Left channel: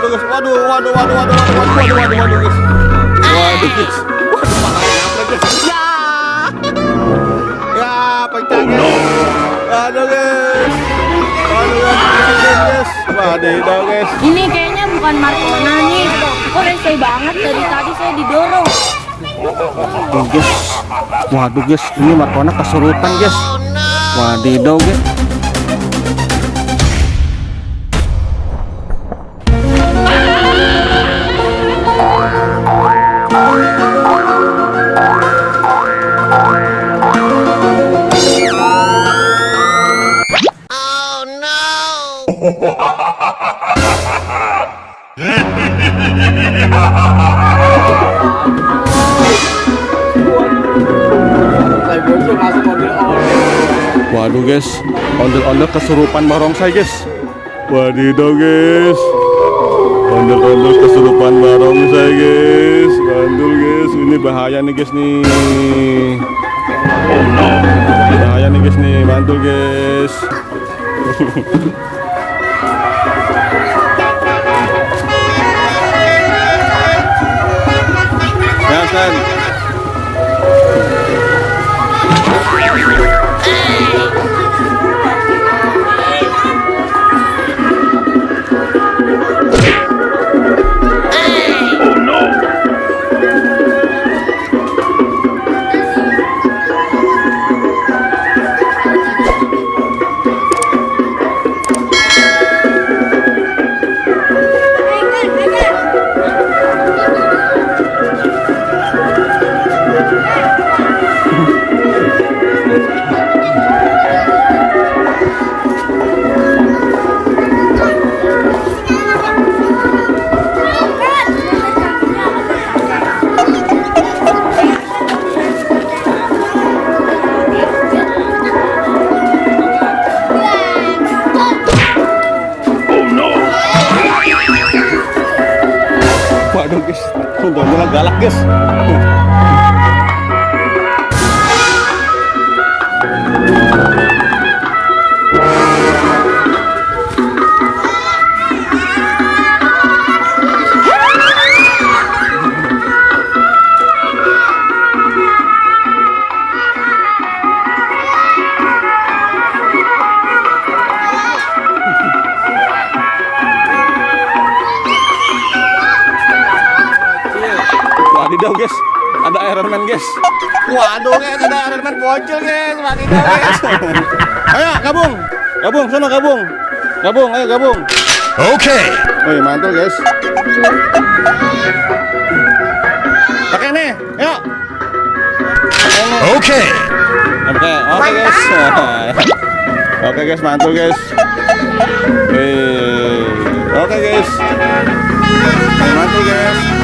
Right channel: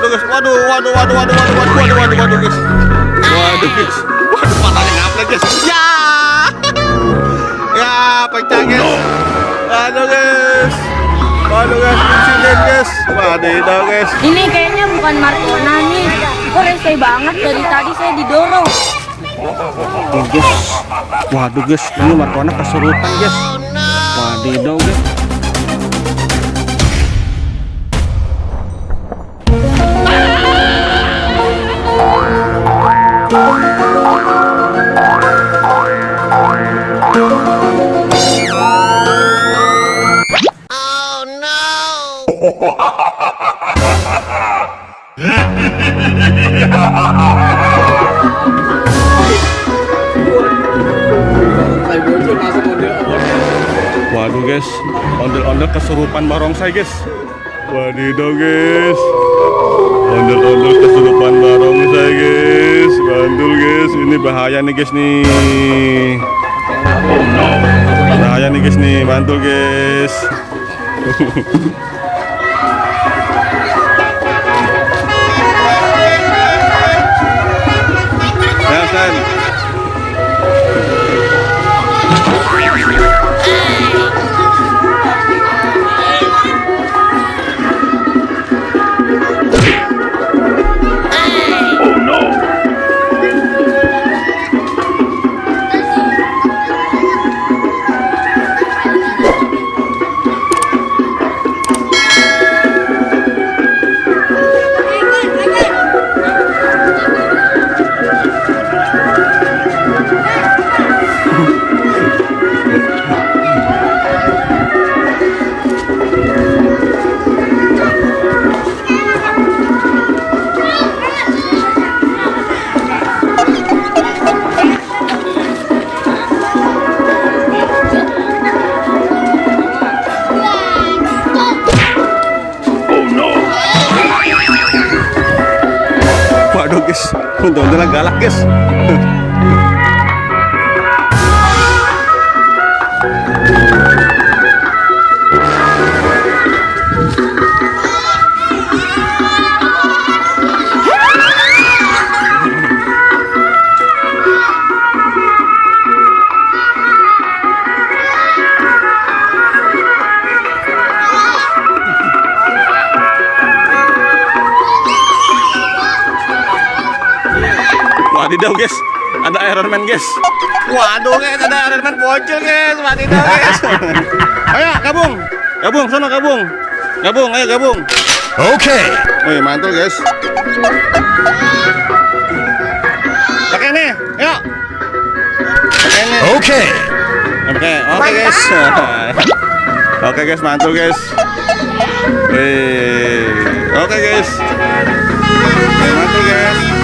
Waduh guys, waduh guys. Waduh guys. Waduh patahnya ngaplek guys. Ya. Ya, pecah guys. Waduh guys. Waduh guys, insiden guys. Waduh guys. Ini kayaknya bukan Marcona nih. Kok rese banget dari tadi saya didorong. Guys. Waduh guys, ini Marcona kesurupan guys. Waduh guys. Waduh guys, ondel-ondel kesurupan barongsai guys. Waduh guys, ondel-ondel kesurupan barongsai guys. Bandul guys, ini bahaya nih guys nih. Oh no, bahaya nih guys nih, mantul guys. Ya kan. Oh no. Waduh guys, udah galak guys. Wadidaw guys, ada Iron Man guys. Waduh guys, ada Iron Man bocil guys. Wadidaw guys. Ayo gabung, sono gabung, ayo gabung. Oke. Wih mantul guys. Pakai nih, yuk. Pakai nih. Oke guys. Oke guys, mantul guys. Wih, oke guys. Mantul guys.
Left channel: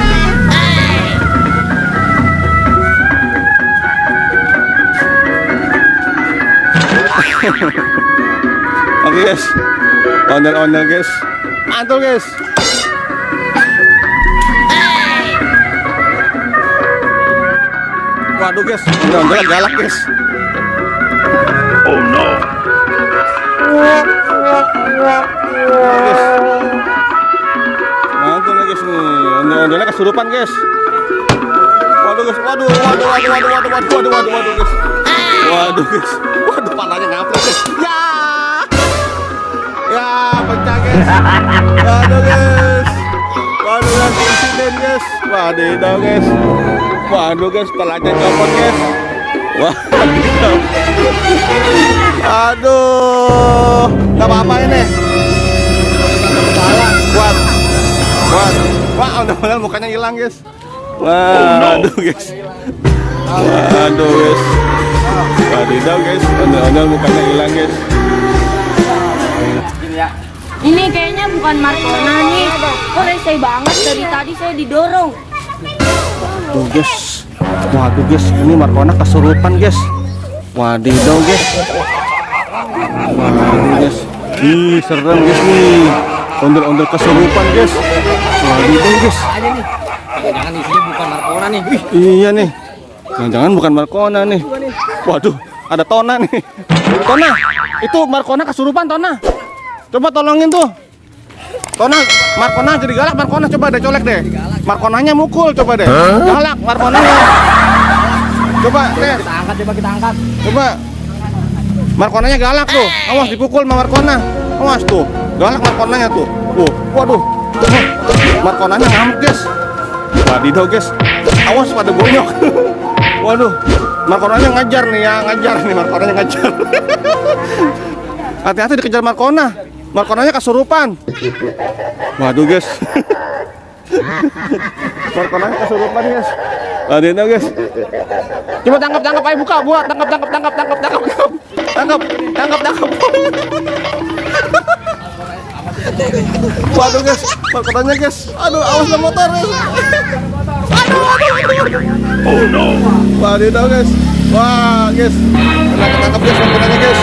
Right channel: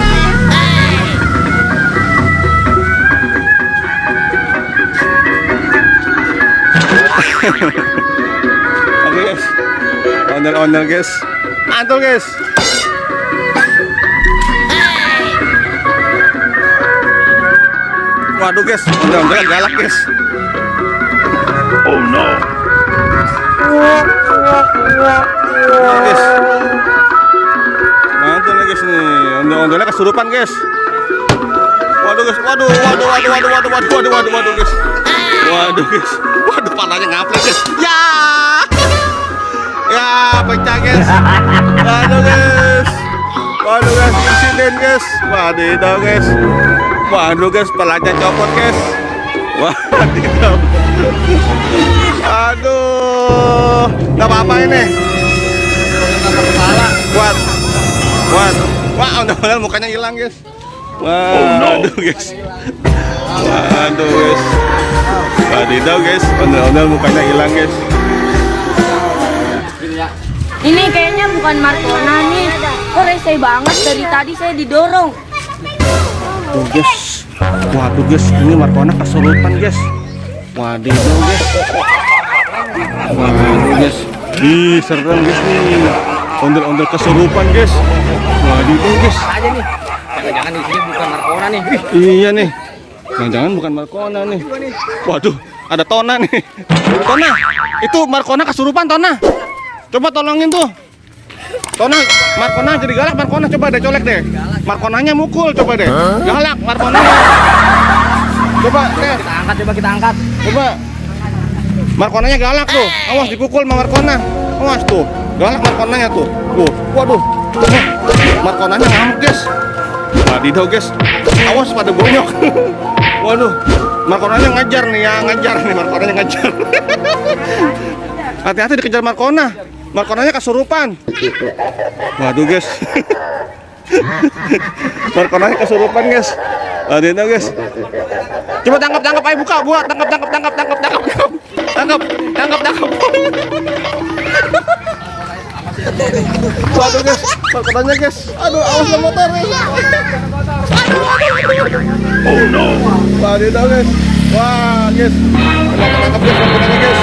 Oke guys, ondel guys, mantul guys. Waduh guys, ondel galak guys. Oh no. Guys, mantul guys nih, ondelnya kesurupan guys. Waduh guys, waduh guys. Waduh guys, waduh panahnya ngaplek guys. Ya, ya pecah guys. Waduh guys, insiden guys. Waduh guys, pelanya copot guys. Waduh, aduh, nggak apa-apa ini. Wah, ondel-ondel mukanya hilang guys. Waduh guys, guys. Wadidaw guys, ondel-ondel mukanya hilang guys. Ini kayaknya bukan Marcona nih. Kok rese banget dari tadi saya didorong. Waduh guys, ini Marcona kesurupan guys. Wadidaw guys. Waduh guys. Ih, serem guys nih. Ondel-ondel kesurupan guys. Wadidaw guys. Jangan ini bukan Marcona nih. Iya nih. Jangan bukan Marcona nih. Waduh, ada Tona nih. Tona, itu Marcona kesurupan Tona. Coba tolongin tuh. Tona, Markona jadi galak. Markona coba deh colek deh. Markonanya mukul coba deh. Galak Markonanya. Coba deh. Kita angkat. Coba. Markonanya galak tuh. Awas dipukul sama Markona. Awas tuh. Galak Markonanya tuh. Tuh. Waduh. Markonanya ngamuk, guys. Wadidaw, guys. Awas pada gonyok. Waduh. Markonanya ngajar nih ya, Markonanya ngajar. Hati-hati dikejar Markona. Markonanya kesurupan. Waduh, guys. Markonanya kesurupan, guys. Wadidaw, guys. Coba tangkap, ayo buka, buat tangkap. Waduh, guys, Markonanya, guys. Aduh, awas lah motor, guys. Oh no. Wadidaw, guys. Wah, guys. Tangkap, guys, Markonanya, guys.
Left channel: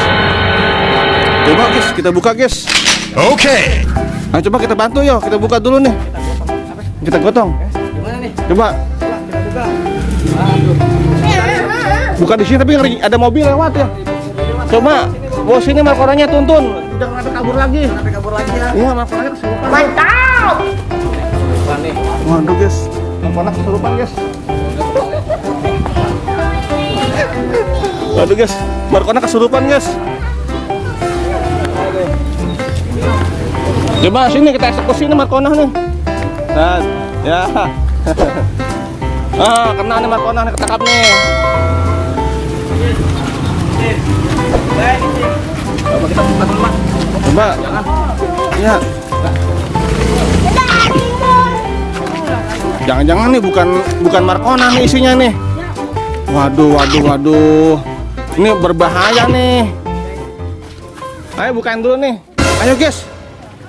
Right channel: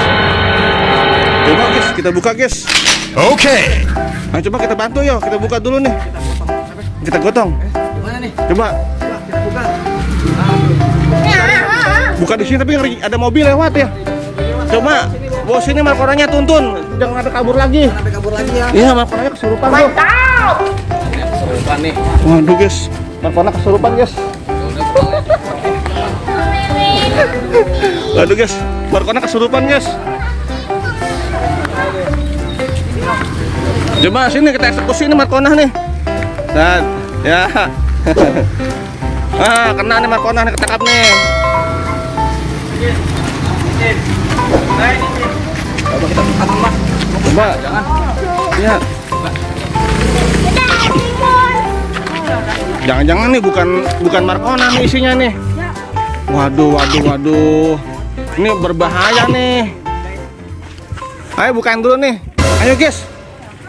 Coba, guys, kita buka, guys. Oke. Nah, coba kita bantu, yo. Kita buka dulu nih. Kita gotong. Gimana nih? Coba. Kita buka. Buka di sini tapi ada mobil lewat ya. Coba, bos ini Markonanya tuntun. Jangan ada kabur lagi. Sampai kabur lagi ya. Iya, Markonanya kesurupan. Mantap. Kesurupan nih. Waduh, guys. Markona kesurupan, guys. Waduh, guys. Markona kesurupan, guys. Coba sini kita eksekusi nih Markona nih. Dan ya. Kena nih Markona nih, ketangkap nih. Coba. Ya. Jangan-jangan nih bukan Markona nih isinya nih. Waduh. Ini berbahaya nih. Ayo bukain dulu nih. Ayo, guys.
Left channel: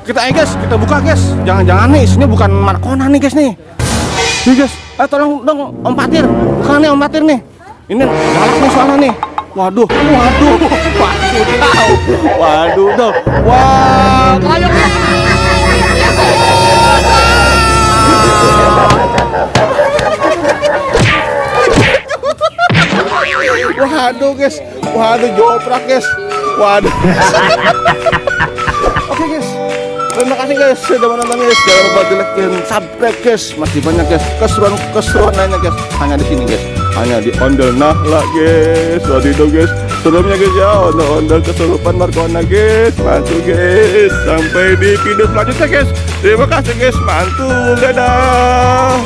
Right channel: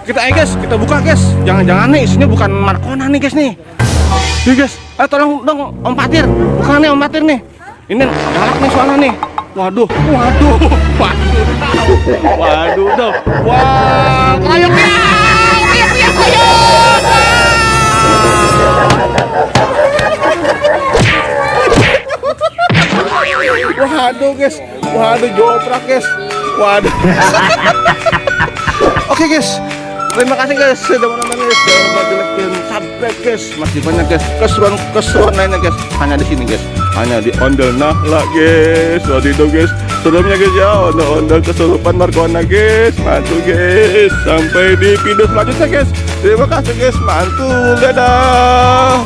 Kita buka, guys. Jangan-jangan nih isinya bukan Markona nih, guys nih. Nih, guys. Ayo tolong dong Om Patir. Bukan nih Om Patir nih. Ini galak nih soalnya nih. Waduh. Wah, ayo guys. Waduh, guys. Waduh, joprak, guys. Waduh. Oke, guys. Terima kasih, guys, sudah menonton, guys. Jangan lupa di like dan subscribe, guys. Masih banyak, guys, keseruan lainnya, guys. Hanya di sini, guys. Hanya di Ondel Nahla, guys. Wadidaw, guys. Seremnya, guys, ya. Ondel kesurupan Markona, guys. Mantul, guys. Sampai di video selanjutnya, guys. Terima kasih, guys. Mantul. Dadah.